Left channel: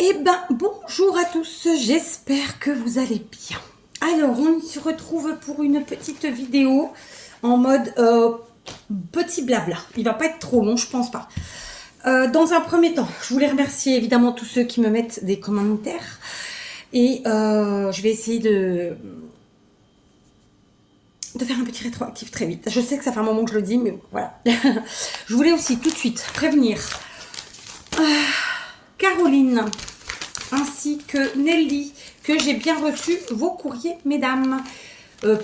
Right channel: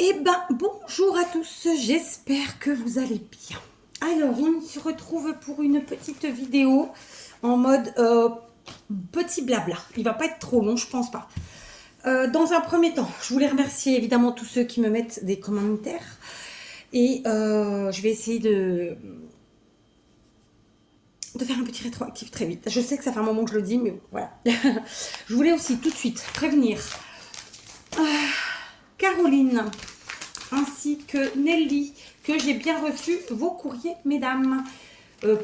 Eh ben, bonjour à tous, j'espère que vous allez bien. Alors, on se retrouve pour une petite vidéo en mode petit blabla. Il va pas être trop long, je pense pas. Dans un premier temps, je voulais remercier évidemment tous ceux qui me mettent des commentaires. Et je vais essayer de faire un petit rétroactif très vite. Je sais que ça fait un moment que je le dis, mais bon, voilà. Je voulais aussi tout de suite prévenir Caroline ainsi que Nelly, que j'ai bien reçu vos courriers, mesdames.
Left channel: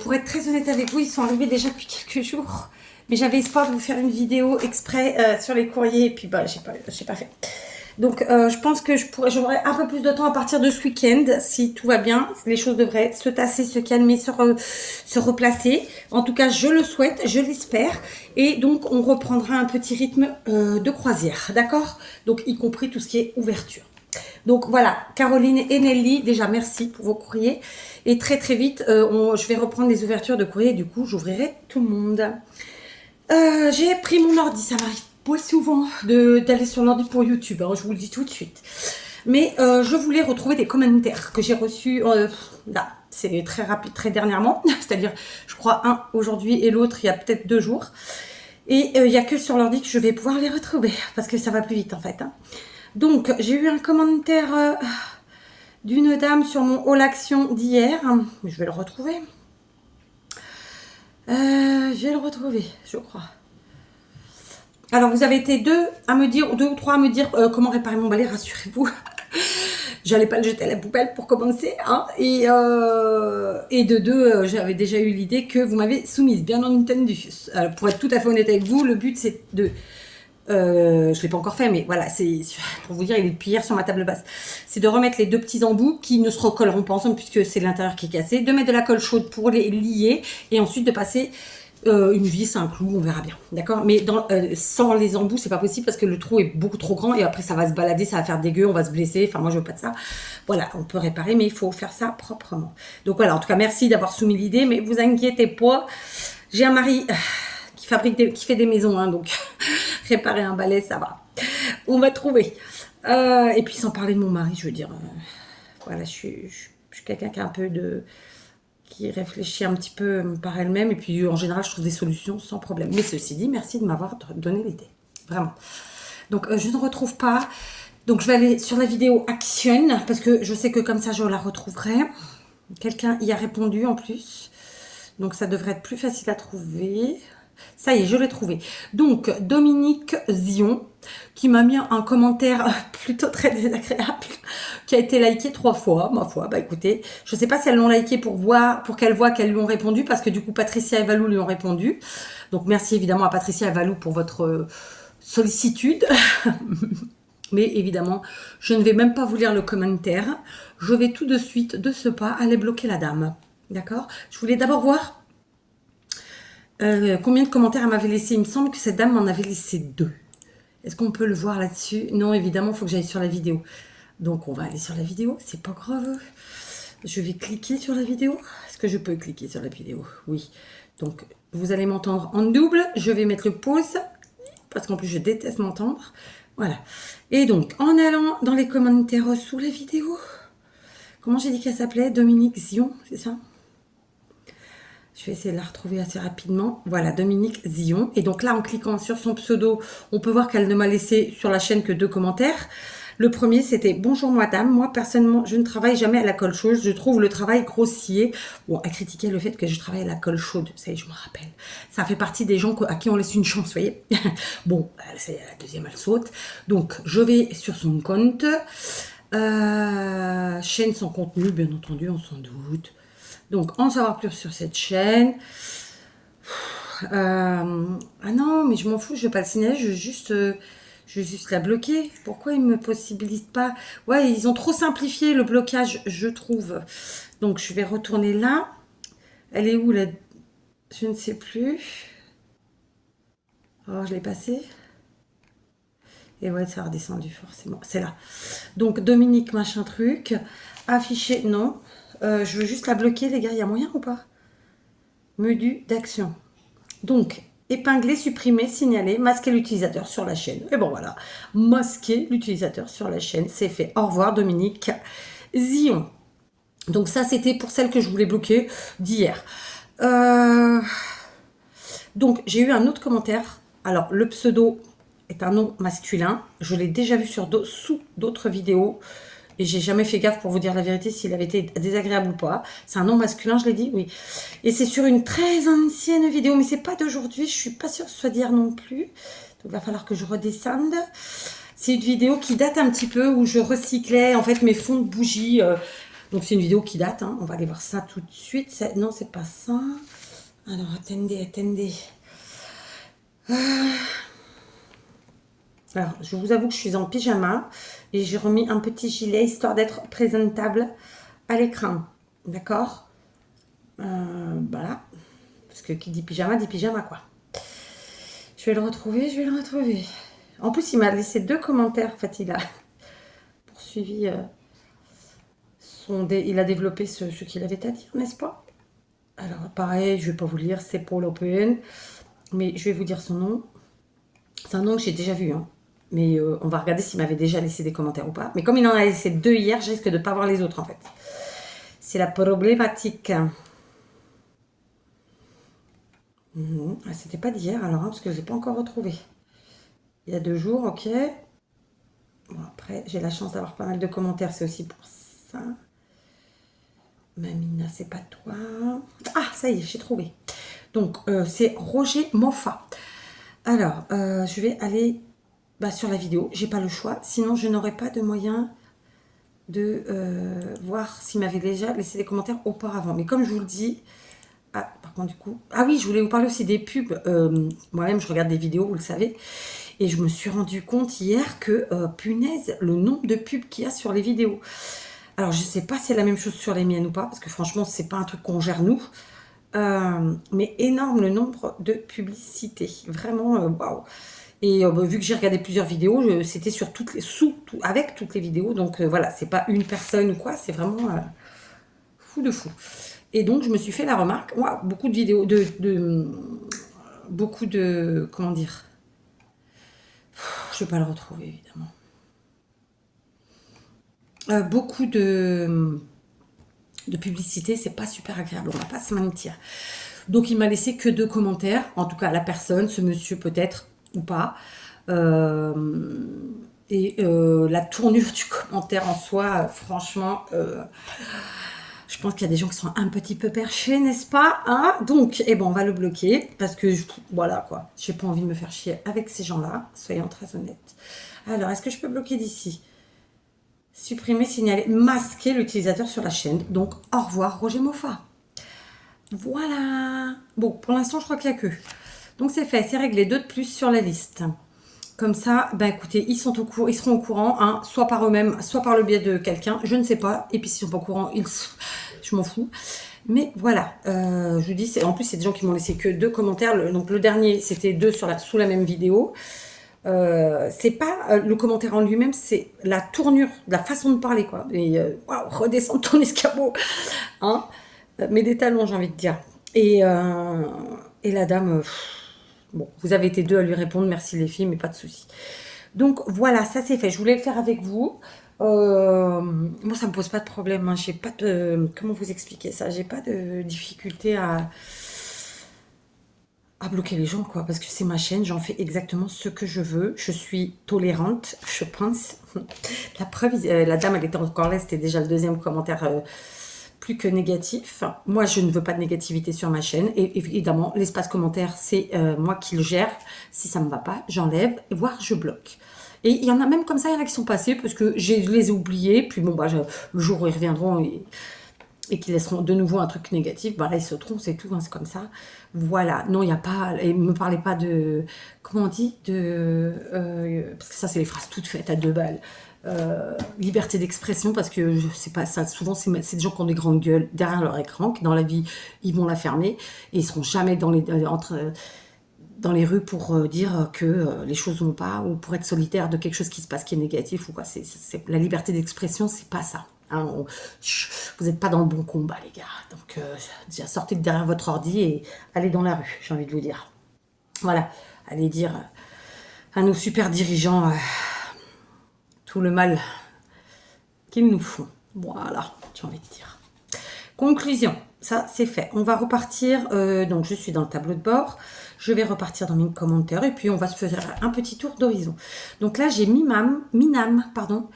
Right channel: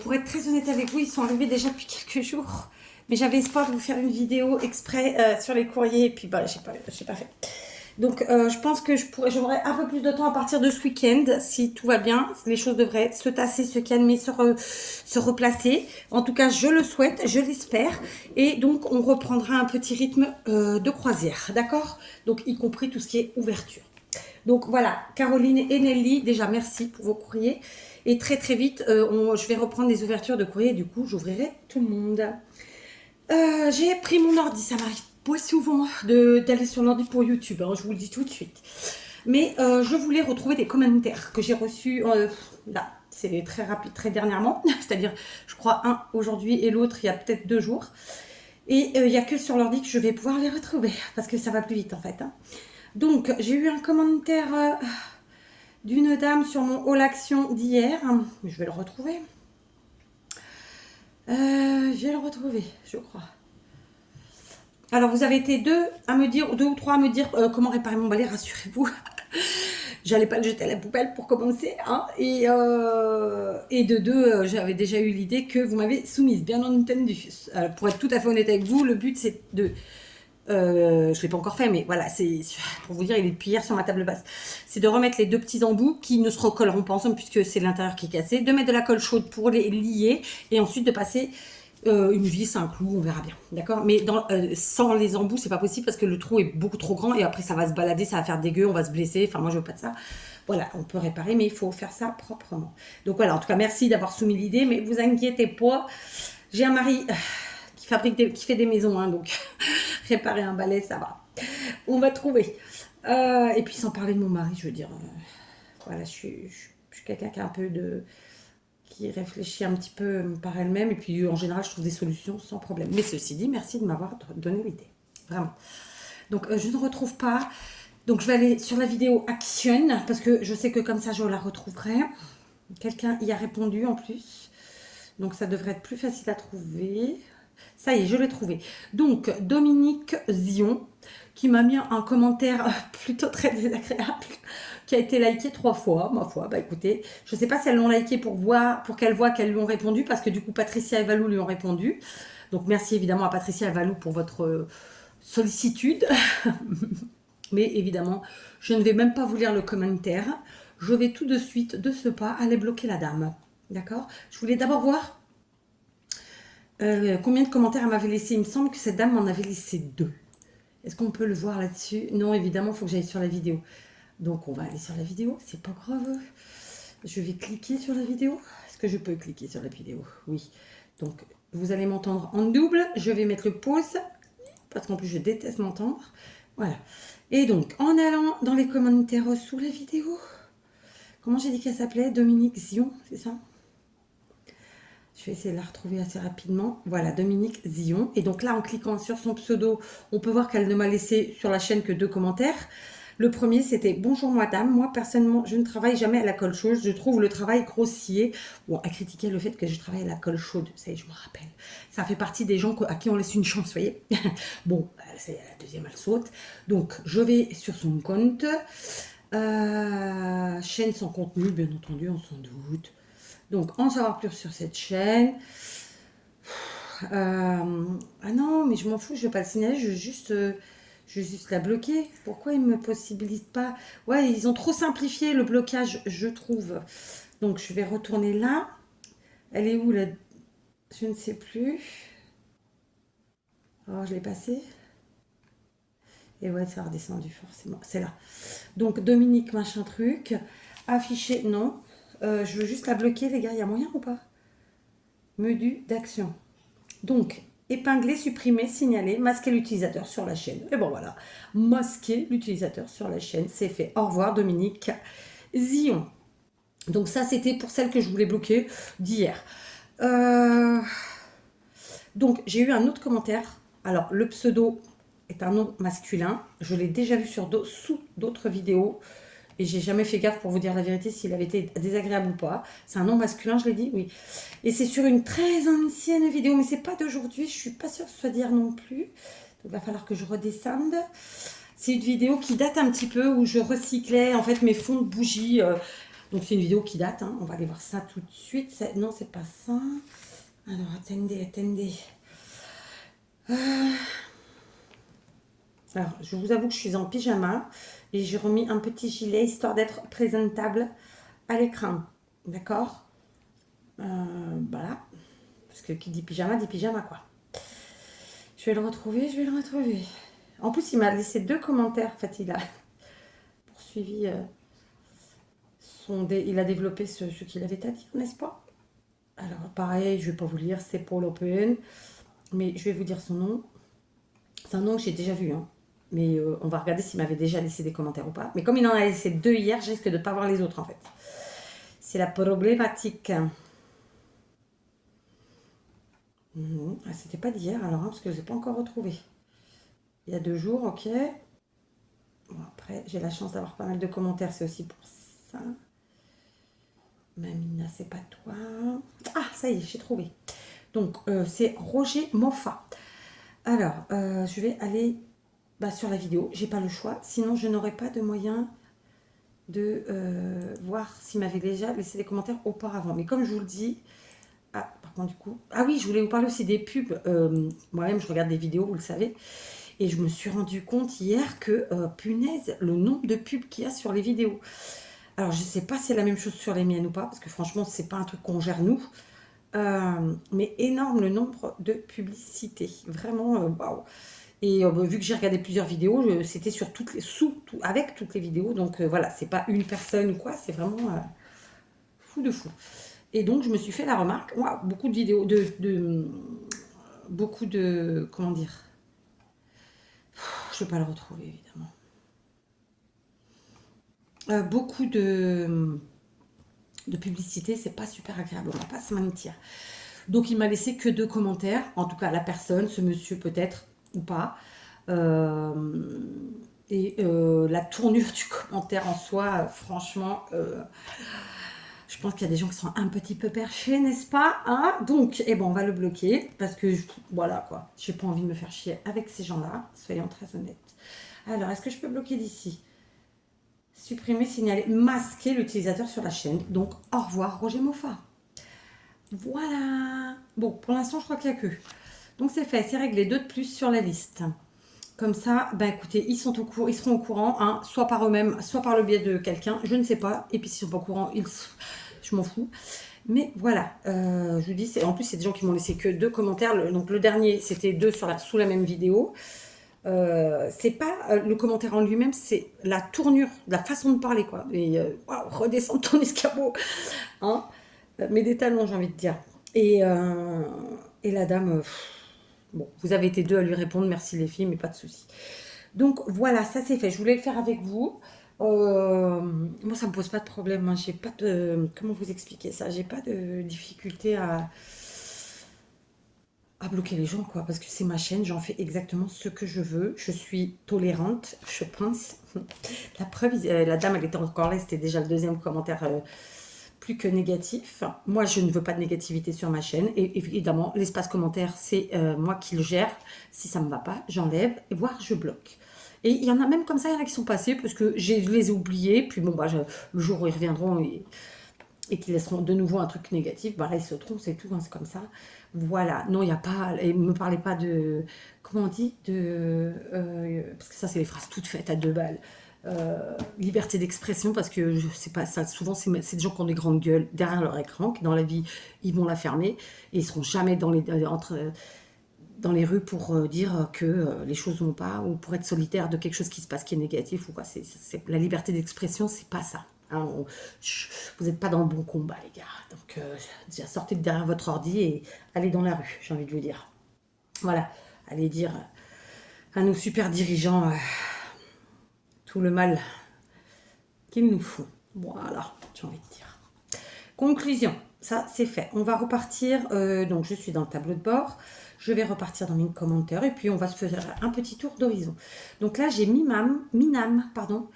Pour être très honnête avec vous, ils sont arrivés déjà depuis quelques jours. Mais j'avais espoir de vous faire une vidéo exprès sur les courriers. Et puis, bah, j'ai pas fait. Donc, je pense que j'aurai un peu plus de temps à partir de ce week-end. Si tout va bien, les choses devraient se tasser, se calmer, se replacer. En tout cas, je le souhaite, je l'espère. Et donc, on reprendra un petit rythme de croisière. D'accord? Donc, y compris tout ce qui est ouverture. Donc voilà, Caroline et Nelly, déjà merci pour vos courriers. Et très très vite, je vais reprendre les ouvertures de courrier. Du coup, j'ouvrirai tout le monde. J'ai pris mon ordi, ça m'arrive pas souvent d'aller sur l'ordi pour YouTube, hein, je vous le dis tout de suite. Mais je voulais retrouver des commentaires que j'ai reçus, là, c'est très rapide, très dernièrement. C'est-à-dire, je crois un aujourd'hui et l'autre il y a peut-être 2 jours. Et il n'y a que sur l'ordi que je vais pouvoir les retrouver, parce que ça va plus vite en fait. Hein. Donc, j'ai eu un commentaire d'une dame sur mon All Action d'hier. Je vais le retrouver. Je vais le retrouver, je crois. Alors, vous avez été deux ou trois à me dire comment réparer mon balai, rassurez-vous. J'allais pas le jeter à la poubelle pour commencer. Hein, et de deux, j'avais déjà eu l'idée que vous m'avez soumise, bien entendu. Pour être tout à fait honnête avec vous, le but c'est de je ne l'ai pas encore fait, mais voilà, c'est pour vous dire, il est depuis hier sur ma table basse. C'est de remettre les deux petits embouts qui ne se recolleront pas ensemble puisque c'est l'intérieur qui est cassé, de mettre de la colle chaude pour les lier et ensuite de passer une vis, un clou, on verra bien, d'accord. Mais sans les embouts, c'est pas possible parce que le trou est beaucoup trop grand et après ça va se balader, ça va faire dégueu, on va se blesser. Enfin, moi je veux pas de ça. Voilà, on peut réparer, mais il faut faire ça proprement. Donc voilà, en tout cas, merci d'avoir soumis l'idée, mais vous inquiétez pas, j'ai un mari qui fait des maisons, hein, donc réparer un balai, ça va. On va trouver. Et puis sans parler de mon mari, je veux dire, voilà, je suis quelqu'un qui a un peu qui réfléchit un petit peu par elle-même, et puis en général, je trouve des solutions sans problème. Mais ceci dit, merci de m'avoir donné l'idée, vraiment. Donc je ne retrouve pas. Donc je vais aller sur la vidéo Action, parce que je sais que comme ça, je la retrouverai. Quelqu'un y a répondu en plus. Donc ça devrait être plus facile à trouver. Ça y est, je l'ai trouvé. Donc, Dominique Zion, qui m'a mis un commentaire plutôt très désagréable, qui a été liké 3 fois, ma foi. Bah écoutez, je ne sais pas si elles l'ont liké pour qu'elle voit qu'elles lui ont répondu, parce que du coup, Patricia et Valou lui ont répondu. Donc, merci évidemment à Patricia et Valou pour votre sollicitude. Mais évidemment, je ne vais même pas vous lire le commentaire. Je vais tout de suite, de ce pas, aller bloquer la dame. D'accord? Je voulais d'abord voir combien de commentaires elle m'avait laissé. Il me semble que cette dame m'en avait laissé 2. Est-ce qu'on peut le voir là-dessus? Non, évidemment, il faut que j'aille sur la vidéo. Donc, on va aller sur la vidéo. C'est pas grave. Je vais cliquer sur la vidéo. Est-ce que je peux cliquer sur la vidéo? Oui. Donc, vous allez m'entendre en double. Je vais mettre le pause. Parce qu'en plus, je déteste m'entendre. Voilà. Et donc, en allant dans les commentaires sous la vidéo. Comment j'ai dit qu'elle s'appelait? Dominique Zion, c'est ça? Je vais essayer de la retrouver assez rapidement. Voilà, Dominique Zion. Et donc là, en cliquant sur son pseudo, on peut voir qu'elle ne m'a laissé sur la chaîne que 2 commentaires. Le premier, c'était « Bonjour madame, moi personnellement, je ne travaille jamais à la colle chaude. Je trouve le travail grossier. » Bon, elle critiquait le fait que je travaille à la colle chaude. Ça y est, je me rappelle. Ça fait partie des gens à qui on laisse une chance, vous voyez. Bon, c'est la deuxième, elle saute. Donc, je vais sur son compte. Chaîne sans contenu, bien entendu, on s'en doute. Donc, en savoir plus sur cette chaîne. Ah non, mais je m'en fous, je vais pas le signaler, je vais juste la bloquer. Pourquoi ils me possibilitent pas? Ouais, ils ont trop simplifié le blocage, je trouve. Donc, je vais retourner là. Elle est où, là? Je ne sais plus. Oh, je l'ai passée. Et ouais, ça a redescendu, forcément. C'est là. Donc, Dominique, machin truc. Afficher, non. Je veux juste la bloquer, les gars. Il y a moyen ou pas? Menu d'action. Donc, épingler, supprimer, signaler, masquer l'utilisateur sur la chaîne. Et bon voilà, masquer l'utilisateur sur la chaîne, c'est fait. Au revoir Dominique Zion. Donc ça, c'était pour celle que je voulais bloquer d'hier. Donc, j'ai eu un autre commentaire. Alors, le pseudo est un nom masculin. Je l'ai déjà vu sous d'autres vidéos. Et j'ai jamais fait gaffe pour vous dire la vérité s'il avait été désagréable ou pas. C'est un nom masculin, je l'ai dit, oui. Et c'est sur une très ancienne vidéo, mais c'est pas d'aujourd'hui. Je suis pas sûre que ce soit d'hier non plus. Donc, il va falloir que je redescende. C'est une vidéo qui date un petit peu où je recyclais en fait mes fonds de bougies. Donc, c'est une vidéo qui date. Hein. On va aller voir ça tout de suite. Non, c'est pas ça. Alors, attendez. Alors, je vous avoue que je suis en pyjama et j'ai remis un petit gilet histoire d'être présentable à l'écran. D'accord. Voilà. Parce que qui dit pyjama, quoi. Je vais le retrouver. En plus, il m'a laissé 2 commentaires. En fait, il a poursuivi il a développé ce qu'il avait à dire, n'est-ce pas? Alors, pareil, je ne vais pas vous lire, c'est Paul Open. Mais je vais vous dire son nom. C'est un nom que j'ai déjà vu, hein. Mais on va regarder s'il m'avait déjà laissé des commentaires ou pas. Mais comme il en a laissé 2 hier, je risque de ne pas voir les autres en fait. C'est la problématique. C'était pas d'hier alors, hein, parce que je ne l'ai pas encore retrouvé. Il y a 2 jours, ok. Bon, après, j'ai la chance d'avoir pas mal de commentaires, c'est aussi pour ça. Mamina, c'est pas toi. Ah, ça y est, j'ai trouvé. Donc, c'est Roger Moffat. Alors, je vais aller sur la vidéo. J'ai pas le choix. Sinon, je n'aurais pas de moyen de voir s'il m'avait déjà laissé des commentaires auparavant. Mais comme je vous le dis... Ah, par contre, du coup... Ah oui, je voulais vous parler aussi des pubs. Moi-même, je regarde des vidéos, vous le savez. Et je me suis rendu compte hier que, punaise, le nombre de pubs qu'il y a sur les vidéos. Alors, je sais pas si c'est la même chose sur les miennes ou pas. Parce que franchement, c'est pas un truc qu'on gère nous. Mais énorme le nombre de publicités. Vraiment, waouh. Et vu que j'ai regardé plusieurs vidéos, c'était sur avec toutes les vidéos. Donc voilà, c'est pas une personne ou quoi, c'est vraiment fou de fou. Et donc je me suis fait la remarque, moi, beaucoup de vidéos, beaucoup de, comment dire, je vais pas le retrouver évidemment. Beaucoup de publicité, c'est pas super agréable, on va pas se mentir. Donc il m'a laissé que 2 commentaires, en tout cas la personne, ce monsieur peut-être ou pas. La tournure du commentaire en soi, franchement, je pense qu'il y a des gens qui sont un petit peu perchés, n'est-ce pas, hein? Donc, on va le bloquer parce que voilà quoi, j'ai pas envie de me faire chier avec ces gens-là, soyons très honnêtes. Alors, est-ce que je peux bloquer d'ici? Supprimer, signaler, masquer l'utilisateur sur la chaîne. Donc, au revoir Roger Moffat. Voilà. Bon, pour l'instant, je crois qu'il n'y a que. Donc, c'est fait, c'est réglé. 2 de plus sur la liste. Comme ça, écoutez, ils seront au courant, hein, soit par eux-mêmes, soit par le biais de quelqu'un. Je ne sais pas. Et puis, s'ils ne sont pas au courant, je m'en fous. Mais voilà, je vous dis, en plus, c'est des gens qui m'ont laissé que 2 commentaires. Donc, le dernier, c'était 2 sous la même vidéo. C'est pas le commentaire en lui-même, c'est la tournure, la façon de parler, quoi. Et redescends ton escabeau, hein. Mets des talons, j'ai envie de dire. Et la dame, bon, vous avez été 2 à lui répondre, merci les filles, mais pas de souci. Donc voilà, ça c'est fait. Je voulais le faire avec vous. Moi, ça me pose pas de problème. Hein. J'ai pas de, comment vous expliquer ça? J'ai pas de difficulté à bloquer les gens, quoi, parce que c'est ma chaîne, j'en fais exactement ce que je veux, je suis tolérante, je pense. La preuve, la dame, elle était encore là, c'était déjà le 2e commentaire plus que négatif. Moi, je ne veux pas de négativité sur ma chaîne, et évidemment, l'espace commentaire, c'est moi qui le gère. Si ça me va pas, j'enlève, voire je bloque. Et il y en a même comme ça, il y en a qui sont passés, parce que je les ai oubliés, puis bon, le jour où ils reviendront, et qu'ils laisseront de nouveau un truc négatif, là, ils sauteront, c'est tout, hein, c'est comme ça. Voilà, non, il n'y a pas, et ne me parlez pas de, comment on dit, parce que ça, c'est les phrases toutes faites à 2 balles. Liberté d'expression, parce que je sais pas, ça, souvent, c'est des gens qui ont des grandes gueules derrière leur écran, qui dans la vie, ils vont la fermer, et ils seront jamais dans les rues pour dire que les choses vont pas, ou pour être solitaire de quelque chose qui se passe qui est négatif, ou quoi. La liberté d'expression, c'est pas ça. Hein, vous n'êtes pas dans le bon combat, les gars. Donc, déjà, sortez de derrière votre ordi et allez dans la rue, j'ai envie de vous dire. Voilà, allez dire à nos super dirigeants tout le mal qu'ils nous font. Voilà, j'ai envie de dire. Conclusion, ça c'est fait. On va repartir, donc je suis dans le tableau de bord. Je vais repartir dans mes commentaires et puis on va se faire un petit tour d'horizon. Donc là, j'ai Minam, pardon,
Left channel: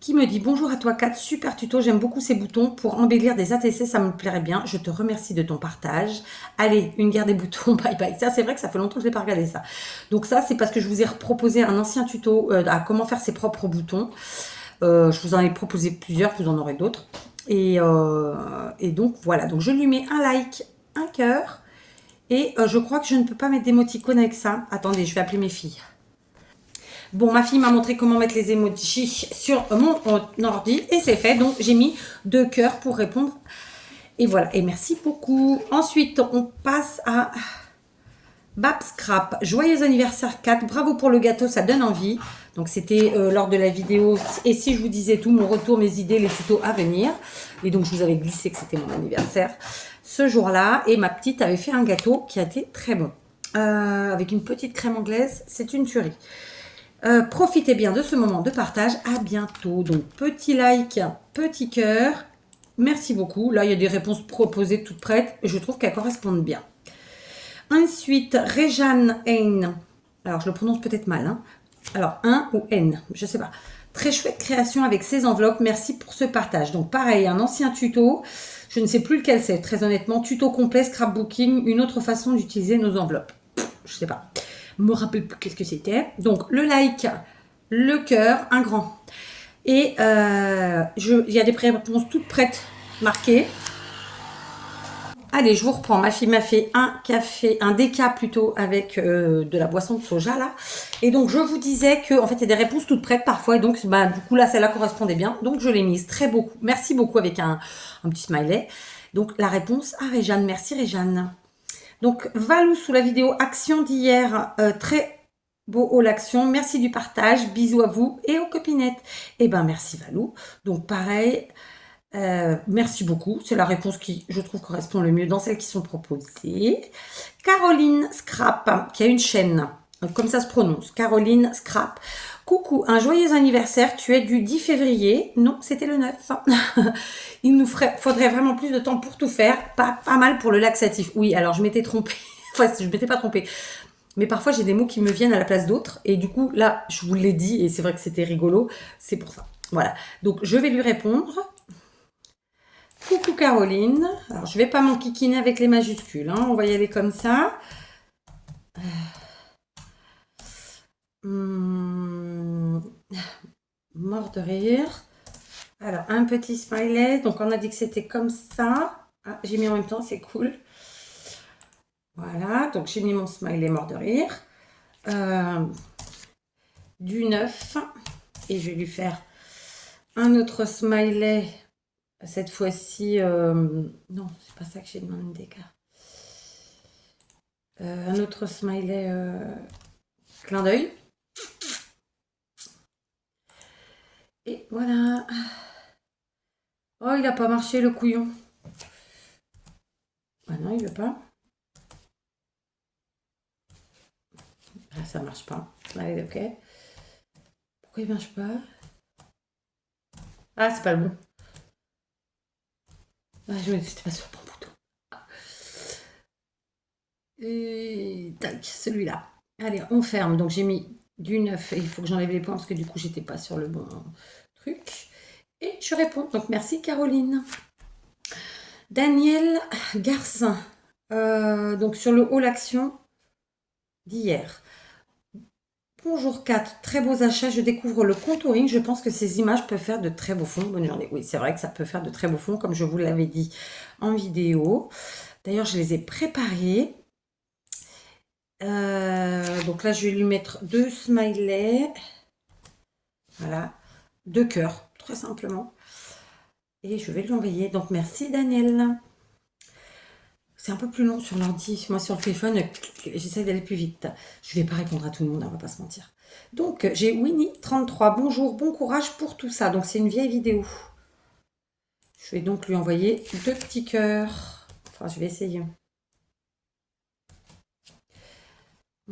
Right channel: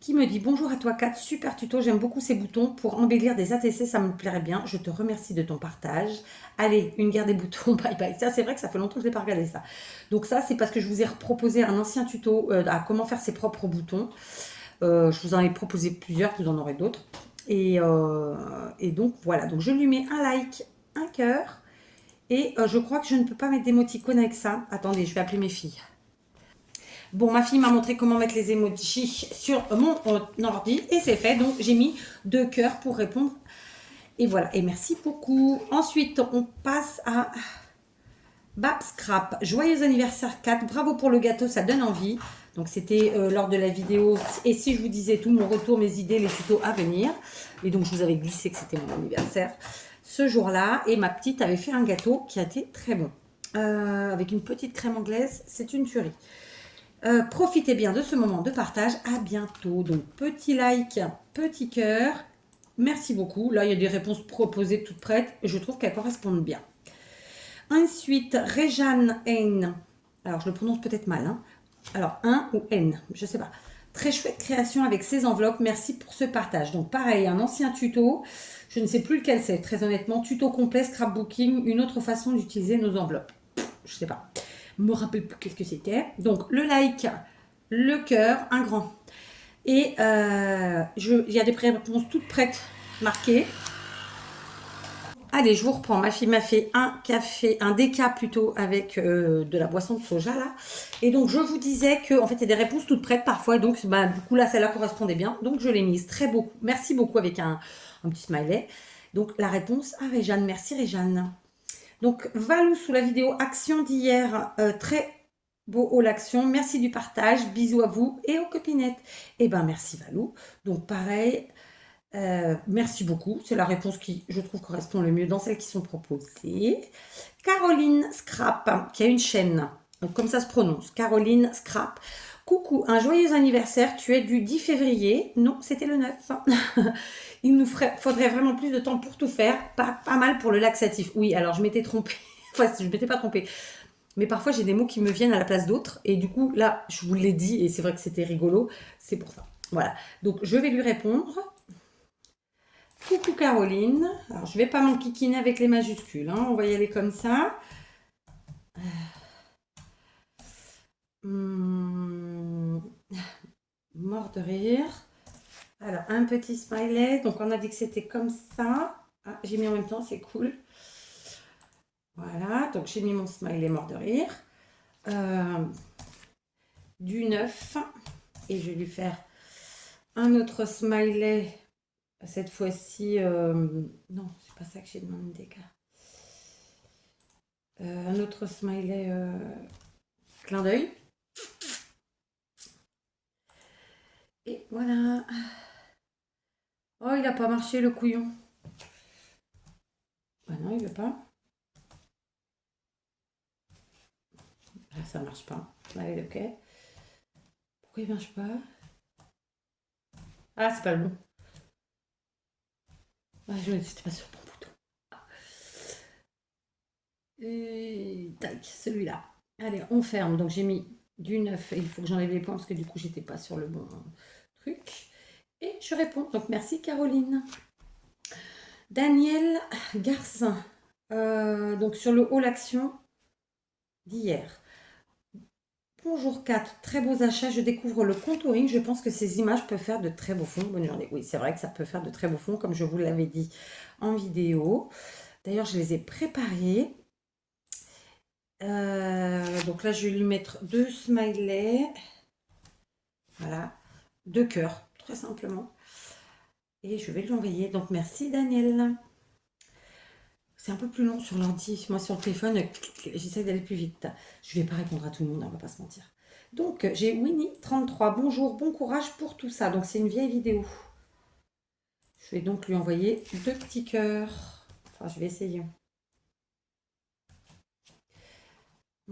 qui me dit bonjour à toi Kat, super tuto, j'aime beaucoup ces boutons pour embellir des ATC, ça me plairait bien. Je te remercie de ton partage. Allez, une guerre des boutons, bye bye. Ça, c'est vrai que ça fait longtemps que je n'ai pas regardé ça. Donc ça, c'est parce que je vous ai proposé un ancien tuto à comment faire ses propres boutons. Je vous en ai proposé plusieurs, vous en aurez d'autres. Et donc voilà, donc je lui mets un like, un cœur. Et je crois que je ne peux pas mettre d'émoticônes avec ça. Attendez, je vais appeler mes filles. Bon, ma fille m'a montré comment mettre les emojis sur mon ordi et c'est fait. Donc, j'ai mis 2 cœurs pour répondre. Et voilà, et merci beaucoup. Ensuite, on passe à Bab Scrap. Joyeux anniversaire 4. Bravo pour le gâteau, ça donne envie. Donc, c'était lors de la vidéo. Et si je vous disais tout, mon retour, mes idées, les tutos à venir. Et donc, je vous avais glissé que c'était mon anniversaire ce jour-là. Et ma petite avait fait un gâteau qui a été très bon. Avec une petite crème anglaise, c'est une tuerie. Profitez bien de ce moment de partage. À bientôt. Donc, petit like, petit cœur. Merci beaucoup. Là, il y a des réponses proposées toutes prêtes. Je trouve qu'elles correspondent bien. Ensuite, Réjeanne N. Alors, je le prononce peut-être mal. Hein. Alors, 1 ou N, je ne sais pas. Très chouette création avec ces enveloppes. Merci pour ce partage. Donc, pareil, un ancien tuto. Je ne sais plus lequel c'est, très honnêtement. Tuto complet, scrapbooking, une autre façon d'utiliser nos enveloppes. Je ne sais pas. Je me rappelle plus qu'est-ce que c'était. Donc, le like, le cœur, un grand. Et il y a des réponses toutes prêtes, marquées. Allez, je vous reprends. Ma fille m'a fait un café, un déca plutôt, avec de la boisson de soja, là. Et donc, je vous disais qu'en fait, il y a des réponses toutes prêtes parfois. Et donc, bah, du coup, là, celle-là correspondait bien. Donc, je l'ai mise très beaucoup. Merci beaucoup avec un petit smiley. Donc, la réponse à Réjeanne. Merci, Réjeanne. Donc, Valou sous la vidéo action d'hier. Très beau haul action. Merci du partage. Bisous à vous et aux copinettes. Eh ben, merci, Valou. Donc, pareil. Merci beaucoup. C'est la réponse qui, je trouve, correspond le mieux dans celles qui sont proposées. Caroline Scrap, qui a une chaîne, comme ça se prononce. Caroline Scrap. Coucou, un joyeux anniversaire. Tu es du 10 février. Non, c'était le 9. Il nous faudrait vraiment plus de temps pour tout faire. Pas mal pour le laxatif. Oui, alors je m'étais trompée. Enfin, je ne m'étais pas trompée. Mais parfois, j'ai des mots qui me viennent à la place d'autres. Et du coup, là, je vous l'ai dit. Et c'est vrai que c'était rigolo. C'est pour ça. Voilà. Donc, je vais lui répondre. Coucou Caroline. Alors, je ne vais pas m'enquiquiner avec les majuscules. Hein. On va y aller comme ça. Mort de rire. Alors, un petit smiley. Donc, on a dit que c'était comme ça. Ah, j'ai mis en même temps, c'est cool. Voilà. Donc, j'ai mis mon smiley mort de rire. Du 9. Et je vais lui faire un autre smiley. Cette fois-ci, non, c'est pas ça que j'ai demandé. Un autre smiley clin d'œil. Et voilà. Oh, il n'a pas marché le couillon. Ah non, il veut pas. Ah, ça marche pas. Allez, ok. Pourquoi il marche pas? Ah, c'est pas le bon. Ah, je c'était pas sur le bon bouton. Et tac, celui-là. Allez, on ferme. Donc j'ai mis du 9 et il faut que j'enlève les points parce que du coup j'étais pas sur le bon truc. Et je réponds. Donc merci Caroline. Daniel Garcin. Donc sur le haul action d'hier. Bonjour Kat, très beaux achats. Je découvre le contouring. Je pense que ces images peuvent faire de très beaux fonds. Bonne journée. Oui, c'est vrai que ça peut faire de très beaux fonds, comme je vous l'avais dit en vidéo. D'ailleurs, je les ai préparés. Donc là, je vais lui mettre 2 smileys. Voilà, 2 cœurs, très simplement. Et je vais lui envoyer. Donc merci Daniel. C'est un peu plus long sur l'ordi. Moi sur le téléphone, j'essaie d'aller plus vite. Je ne vais pas répondre à tout le monde, on va pas se mentir. Donc j'ai Winnie33. Bonjour, bon courage pour tout ça. Donc c'est une vieille vidéo. Je vais donc lui envoyer 2 petits cœurs. Enfin, je vais essayer.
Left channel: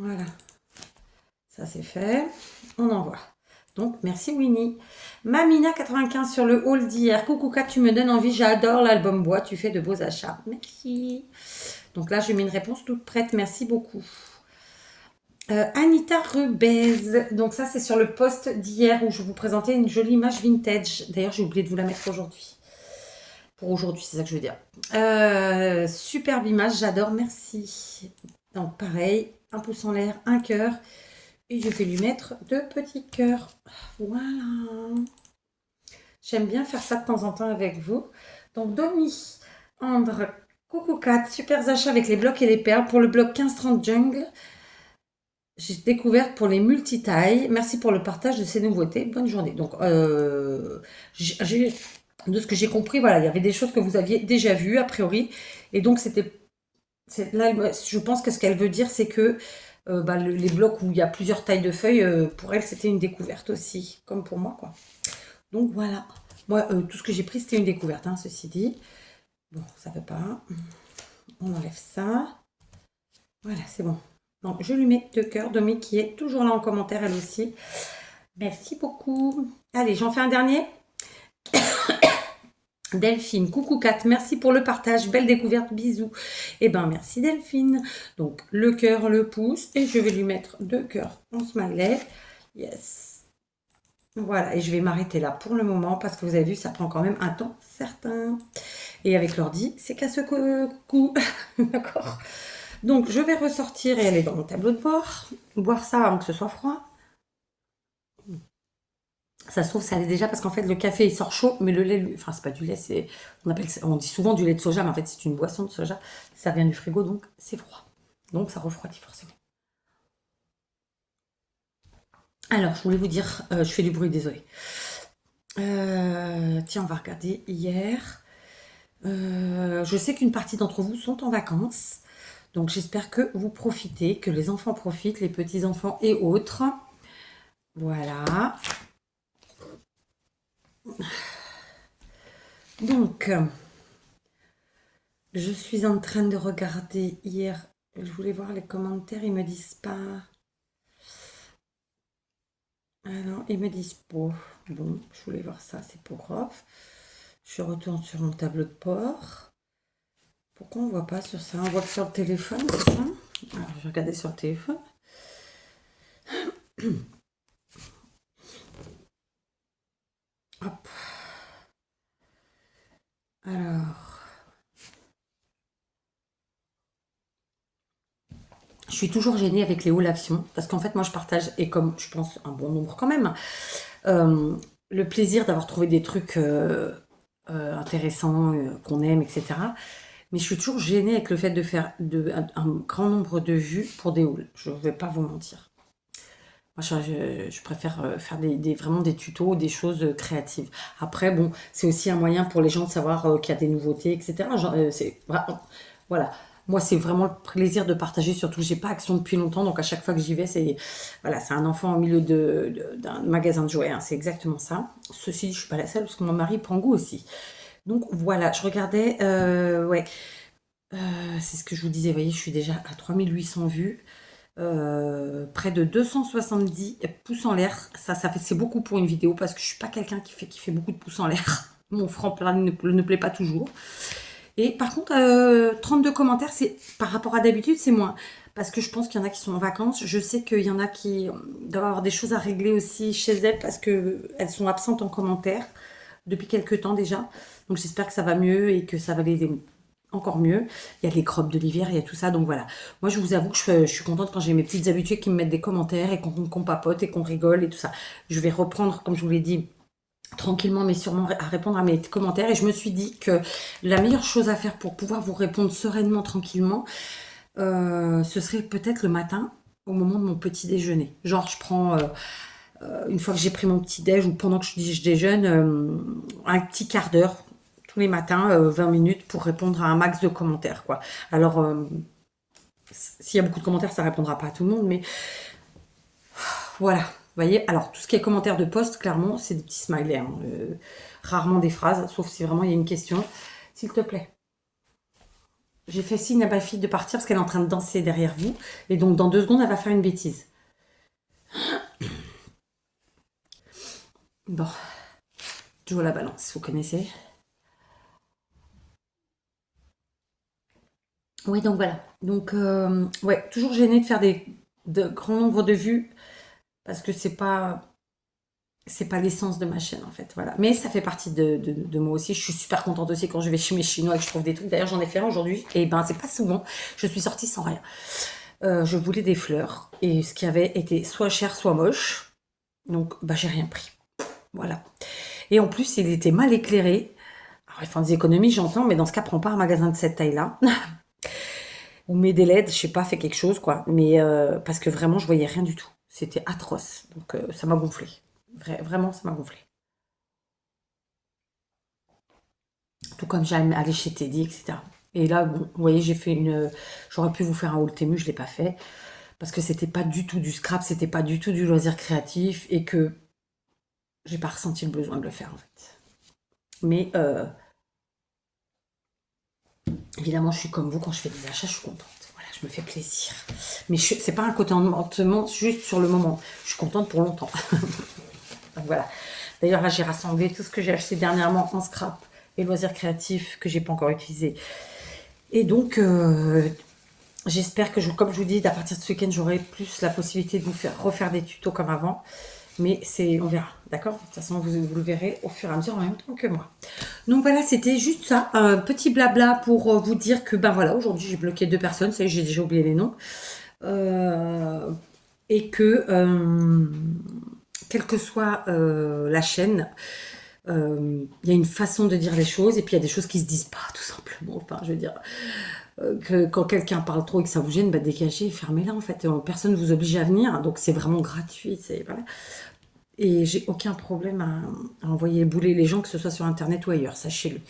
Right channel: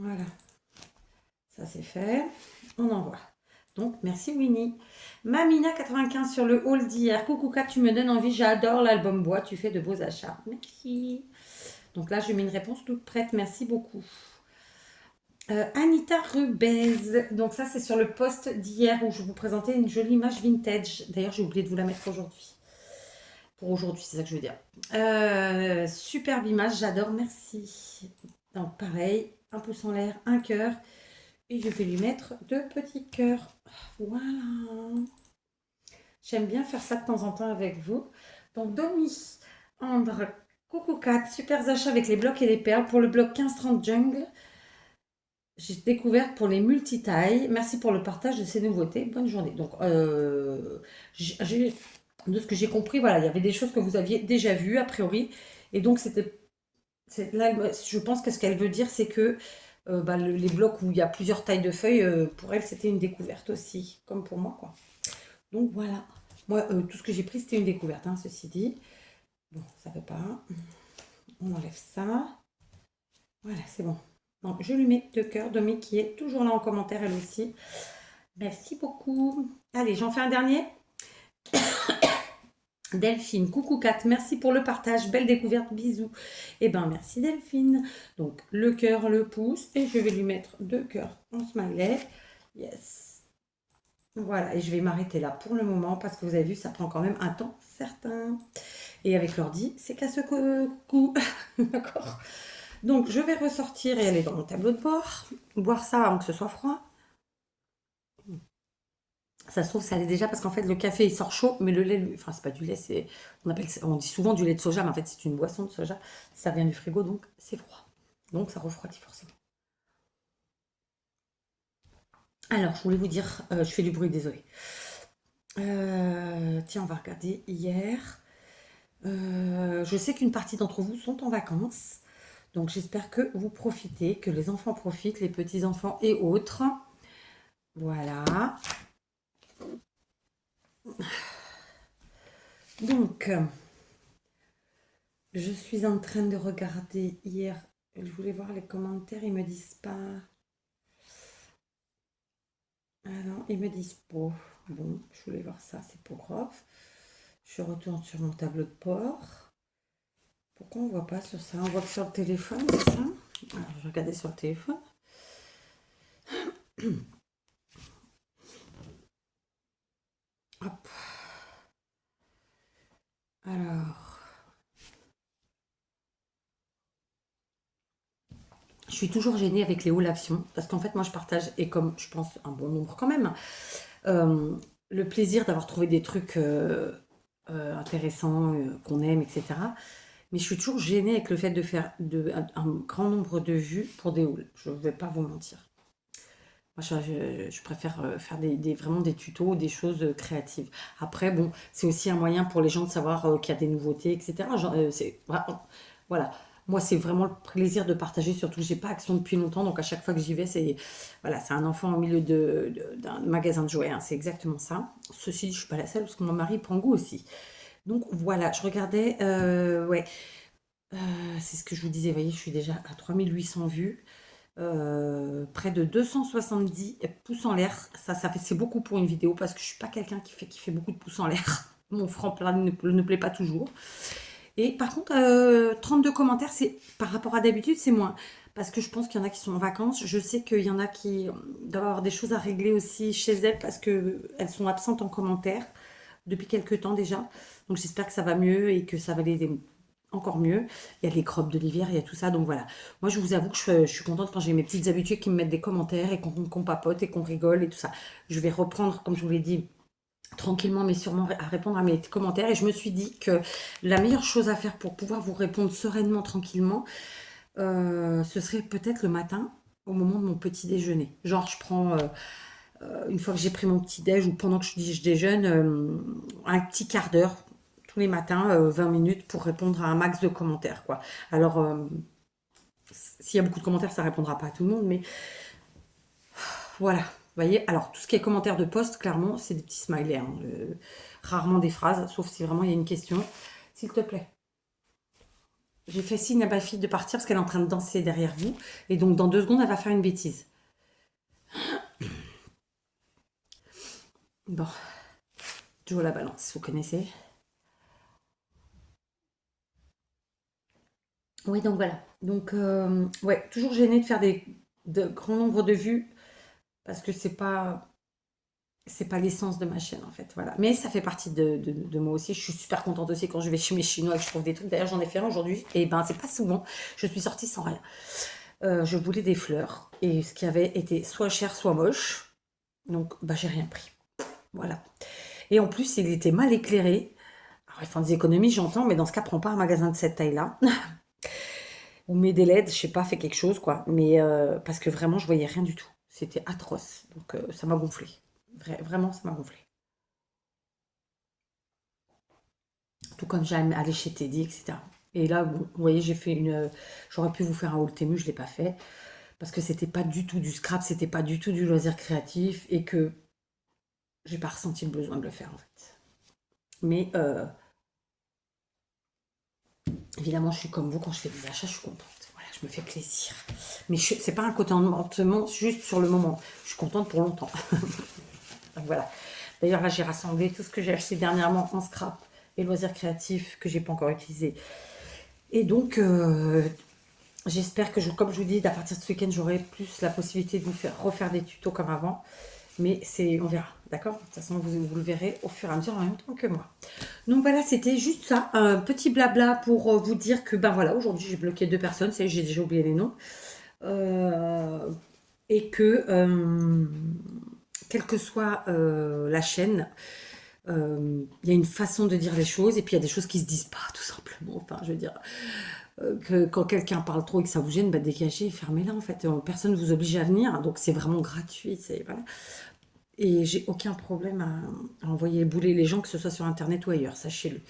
Voilà, ça c'est fait. On envoie. Donc, merci Winnie. Mamina95 sur le haul d'hier. Coucou Kat, tu me donnes envie. J'adore l'album bois. Tu fais de beaux achats. Merci. Donc là, j'ai mis une réponse toute prête. Merci beaucoup. Anita Rubez. Donc ça, c'est sur le post d'hier où je vous présentais une jolie image vintage. D'ailleurs, j'ai oublié de vous la mettre aujourd'hui. Pour aujourd'hui, c'est ça que je veux dire. Superbe image, j'adore. Merci. Donc pareil, un pouce en l'air, un cœur. Et je vais lui mettre 2 petits cœurs. Voilà. J'aime bien faire ça de temps en temps avec vous. Donc, Domi, Andre, coucou Kat, super achats avec les blocs et les perles. Pour le bloc 15-30 Jungle, j'ai découvert pour les multitailles. Merci pour le partage de ces nouveautés. Bonne journée. Donc, de ce que j'ai compris, voilà, il y avait des choses que vous aviez déjà vues, a priori. Et donc, là, je pense que ce qu'elle veut dire, c'est que les blocs où il y a plusieurs tailles de feuilles, pour elle, c'était une découverte aussi, comme pour moi, quoi. Donc voilà. Moi, tout ce que j'ai pris, c'était une découverte, hein, ceci dit. Bon, ça ne veut pas. On enlève ça. Voilà, c'est bon. Donc, je lui mets 2 cœurs. Domi qui est toujours là en commentaire, elle aussi. Merci beaucoup. Allez, j'en fais un dernier. Delphine, coucou Kat, merci pour le partage, belle découverte, bisous. Eh ben merci Delphine. Donc le cœur, le pouce, et je vais lui mettre 2 cœurs en smiley. Yes. Voilà, et je vais m'arrêter là pour le moment parce que vous avez vu, ça prend quand même un temps certain. Et avec l'ordi, c'est qu'à ce coup. D'accord. Donc je vais ressortir et aller dans mon tableau de bord, boire ça avant que ce soit froid. Ça se trouve, ça l'est déjà parce qu'en fait, le café il sort chaud, mais le lait, enfin, c'est pas du lait, on dit souvent du lait de soja, mais en fait, c'est une boisson de soja. Ça vient du frigo, donc c'est froid. Donc ça refroidit forcément. Alors, je voulais vous dire, je fais du bruit, désolé. Tiens, on va regarder hier. Je sais qu'une partie d'entre vous sont en vacances, donc j'espère que vous profitez, que les enfants profitent, les petits-enfants et autres. Voilà. Donc, je suis en train de regarder hier. Je voulais voir les commentaires, ils me disent pas. Ah non, ils me disent pas. Bon, je voulais voir ça, c'est pour off. Je retourne sur mon tableau de bord. Pourquoi on voit pas sur ça? On voit que sur le téléphone, c'est ça? Alors, je vais regarder sur le téléphone. Hop. Alors. Je suis toujours gênée avec les hauts actions parce qu'en fait, moi, je partage, et comme je pense un bon nombre quand même, le plaisir d'avoir trouvé des trucs intéressants, qu'on aime, etc. Mais je suis toujours gênée avec le fait de faire un grand nombre de vues pour des hauls. Je ne vais pas vous mentir. Moi, je préfère faire vraiment des tutos, des choses créatives. Après, bon, c'est aussi un moyen pour les gens de savoir qu'il y a des nouveautés, etc. Voilà. Moi, c'est vraiment le plaisir de partager, surtout que j'ai pas Action depuis longtemps, donc à chaque fois que j'y vais, c'est voilà, c'est un enfant au milieu d'un magasin de jouets, hein, c'est exactement ça. Ceci, je suis pas la seule parce que mon mari prend goût aussi. Donc voilà, je regardais, ouais, c'est ce que je vous disais, vous voyez, je suis déjà à 3800 vues. Près de 270 pouces en l'air. C'est beaucoup pour une vidéo parce que je suis pas quelqu'un qui fait beaucoup de pouces en l'air. Mon franc plat ne plaît pas toujours. Et par contre, 32 commentaires, c'est par rapport à d'habitude, c'est moins. Parce que je pense qu'il y en a qui sont en vacances. Je sais qu'il y en a qui doivent avoir des choses à régler aussi chez elles parce qu'elles sont absentes en commentaire depuis quelques temps déjà. Donc j'espère que ça va mieux et que ça va les encore mieux. Il y a les crottes de l'hiver, il y a tout ça. Donc voilà. Moi, je vous avoue que je suis contente quand j'ai mes petites habituées qui me mettent des commentaires et qu'on papote et qu'on rigole et tout ça. Je vais reprendre, comme je vous l'ai dit, tranquillement mais sûrement à répondre à mes commentaires. Et je me suis dit que la meilleure chose à faire pour pouvoir vous répondre sereinement, tranquillement, ce serait peut-être le matin au moment de mon petit déjeuner. Genre, je prends... une fois que j'ai pris mon petit déj ou pendant que je déjeune, un petit quart d'heure tous les matins, 20 minutes pour répondre à un max de commentaires, quoi. Alors, s'il y a beaucoup de commentaires, ça répondra pas à tout le monde, mais voilà. Vous voyez, alors tout ce qui est commentaires de post, clairement, c'est des petits smileys, hein. Rarement des phrases, sauf si vraiment il y a une question. S'il te plaît. j'ai fait signe à ma fille de partir parce qu'elle est en train de danser derrière vous. Et donc, dans 2 secondes, elle va faire une bêtise. Bon, joue à la balance, vous connaissez. Oui, donc voilà. Donc, ouais, toujours gênée de faire de grands nombres de vues parce que c'est pas l'essence de ma chaîne en fait. Voilà. Mais ça fait partie de moi aussi. Je suis super contente aussi quand je vais chez mes Chinois et que je trouve des trucs. D'ailleurs, j'en ai fait un aujourd'hui. Et ben, c'est pas souvent. Je suis sortie sans rien. Je voulais des fleurs. Et ce qui avait été soit cher, soit moche. Donc, bah, j'ai rien pris. Voilà. Et en plus, il était mal éclairé. Alors, ils font des économies, j'entends, mais dans ce cas, prends pas un magasin de cette taille-là. Ou mets des LED, je sais pas, fais quelque chose, quoi. Mais parce que vraiment, je voyais rien du tout. C'était atroce. Donc, ça m'a gonflé. Vraiment, ça m'a gonflé. Tout comme j'aime aller chez Teddy, etc. Et là, bon, vous voyez, j'ai fait une. J'aurais pu vous faire un haul Temu, je l'ai pas fait. Parce que c'était pas du tout du scrap, c'était pas du tout du loisir créatif et que j'ai pas ressenti le besoin de le faire en fait. Mais évidemment, je suis comme vous, quand je fais des achats, je suis contente. Voilà, je me fais plaisir. Mais c'est pas un contentement juste sur le moment. Je suis contente pour longtemps. Donc voilà. D'ailleurs, là, j'ai rassemblé tout ce que j'ai acheté dernièrement en scrap et loisirs créatifs que j'ai pas encore utilisé. Et donc, j'espère que, comme je vous dis, à partir de ce week-end, j'aurai plus la possibilité de vous faire refaire des tutos comme avant. Mais on verra, d'accord? De toute façon, vous le verrez au fur et à mesure en même temps que moi. Donc voilà, c'était juste ça, un petit blabla pour vous dire que, ben voilà, aujourd'hui j'ai bloqué 2 personnes, ça y est, j'ai déjà oublié les noms. Et que, quelle que soit la chaîne, il y a une façon de dire les choses et puis il y a des choses qui se disent pas, tout simplement. Enfin, je veux dire, que quand quelqu'un parle trop et que ça vous gêne, bah dégagez, fermez-la en fait. Personne ne vous oblige à venir, donc c'est vraiment gratuit. Voilà. Et j'ai aucun problème à envoyer bouler les gens, que ce soit sur internet ou ailleurs, sachez-le.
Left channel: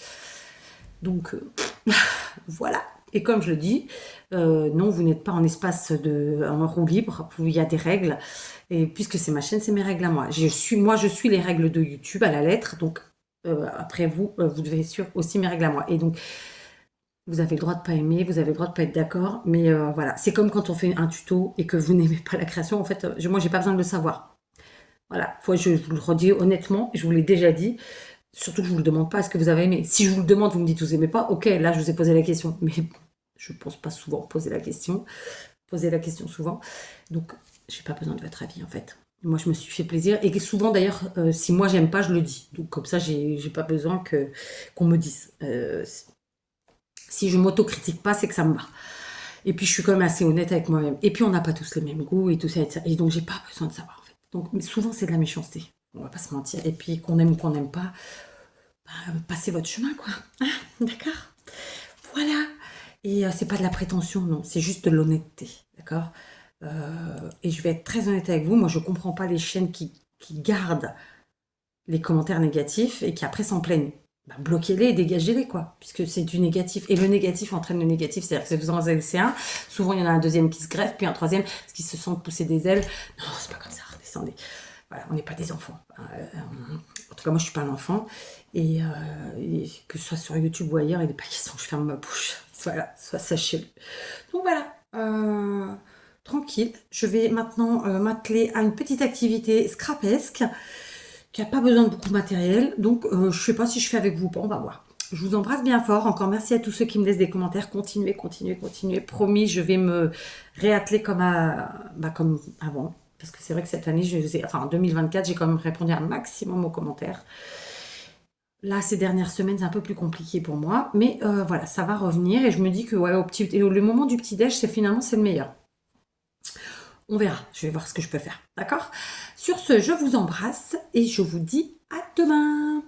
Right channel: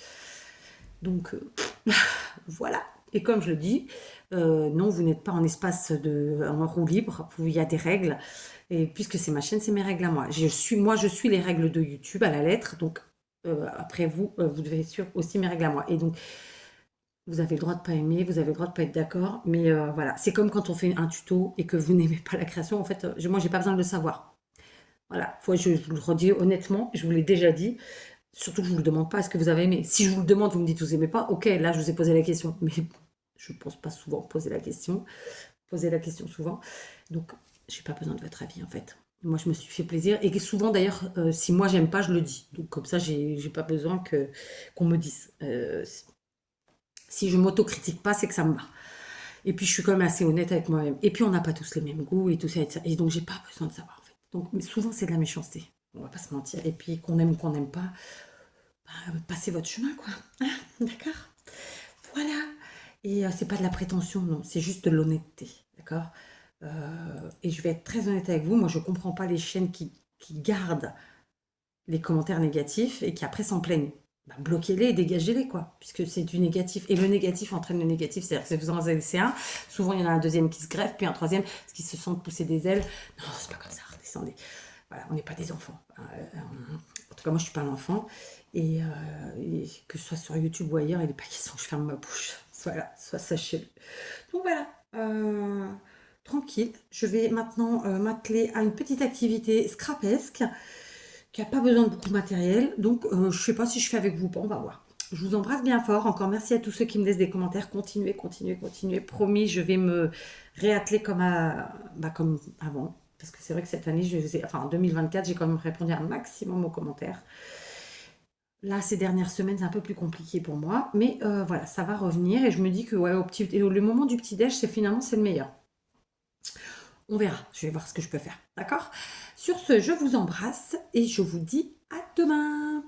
Donc voilà. Et comme je le dis, non, vous n'êtes pas en espace en roue libre, où il y a des règles. Et puisque c'est ma chaîne, c'est mes règles à moi. Je suis les règles de YouTube à la lettre. Donc après vous, vous devez suivre aussi mes règles à moi. Et donc vous avez le droit de pas aimer, vous avez le droit de pas être d'accord. Mais voilà, c'est comme quand on fait un tuto et que vous n'aimez pas la création. En fait, moi, j'ai pas besoin de le savoir. Voilà, je vous le redis honnêtement, je vous l'ai déjà dit. Surtout que je vous le demande pas, est-ce que vous avez aimé? Si je vous le demande, vous me dites vous aimez pas, ok, là je vous ai posé la question. Mais je pense pas souvent poser la question souvent. Donc, j'ai pas besoin de votre avis en fait. Moi, je me suis fait plaisir. Et souvent d'ailleurs, si moi j'aime pas, je le dis. Donc comme ça, j'ai pas besoin qu'on me dise. Si je m'autocritique pas, c'est que ça me va. Et puis je suis quand même assez honnête avec moi-même. Et puis on n'a pas tous les mêmes goûts et tout ça. Et donc j'ai pas besoin de savoir en fait. Donc mais souvent c'est de la méchanceté. On va pas se mentir. Et puis qu'on aime ou qu'on n'aime pas, bah, passez votre chemin quoi. Ah, d'accord. Voilà. Et c'est pas de la prétention, non. C'est juste de l'honnêteté. D'accord. Et je vais être très honnête avec vous. Moi je comprends pas les chaînes qui gardent les commentaires négatifs et qui après s'en plaignent. Bah, bloquez-les et dégagez-les, quoi, puisque c'est du négatif. Et le négatif entraîne le négatif, c'est-à-dire que vous en laissez un, souvent il y en a un deuxième qui se greffe, puis un troisième qui se sent pousser des ailes. Non, c'est pas comme ça, redescendez. Voilà, on n'est pas des enfants. En tout cas, moi je suis pas un enfant. Et que ce soit sur YouTube ou ailleurs, il n'est pas question que je ferme ma bouche. Voilà, soit sachez-le. Donc voilà. Tranquille, je vais maintenant m'atteler à une petite activité scrapesque qui n'a pas besoin de beaucoup de matériel. Donc, je ne sais pas si je fais avec vous ou pas, on va voir. Je vous embrasse bien fort. Encore merci à tous ceux qui me laissent des commentaires. Continuez, continuez, continuez. Promis, je vais me réatteler comme avant. Parce que c'est vrai que cette année, en 2024, j'ai quand même répondu un maximum aux commentaires. Là, ces dernières semaines, c'est un peu plus compliqué pour moi. Mais voilà, ça va revenir. Et je me dis que ouais, le moment du petit-déj, c'est le meilleur. On verra, je vais voir ce que je peux faire, d'accord? Sur ce, je vous embrasse et je vous dis à demain.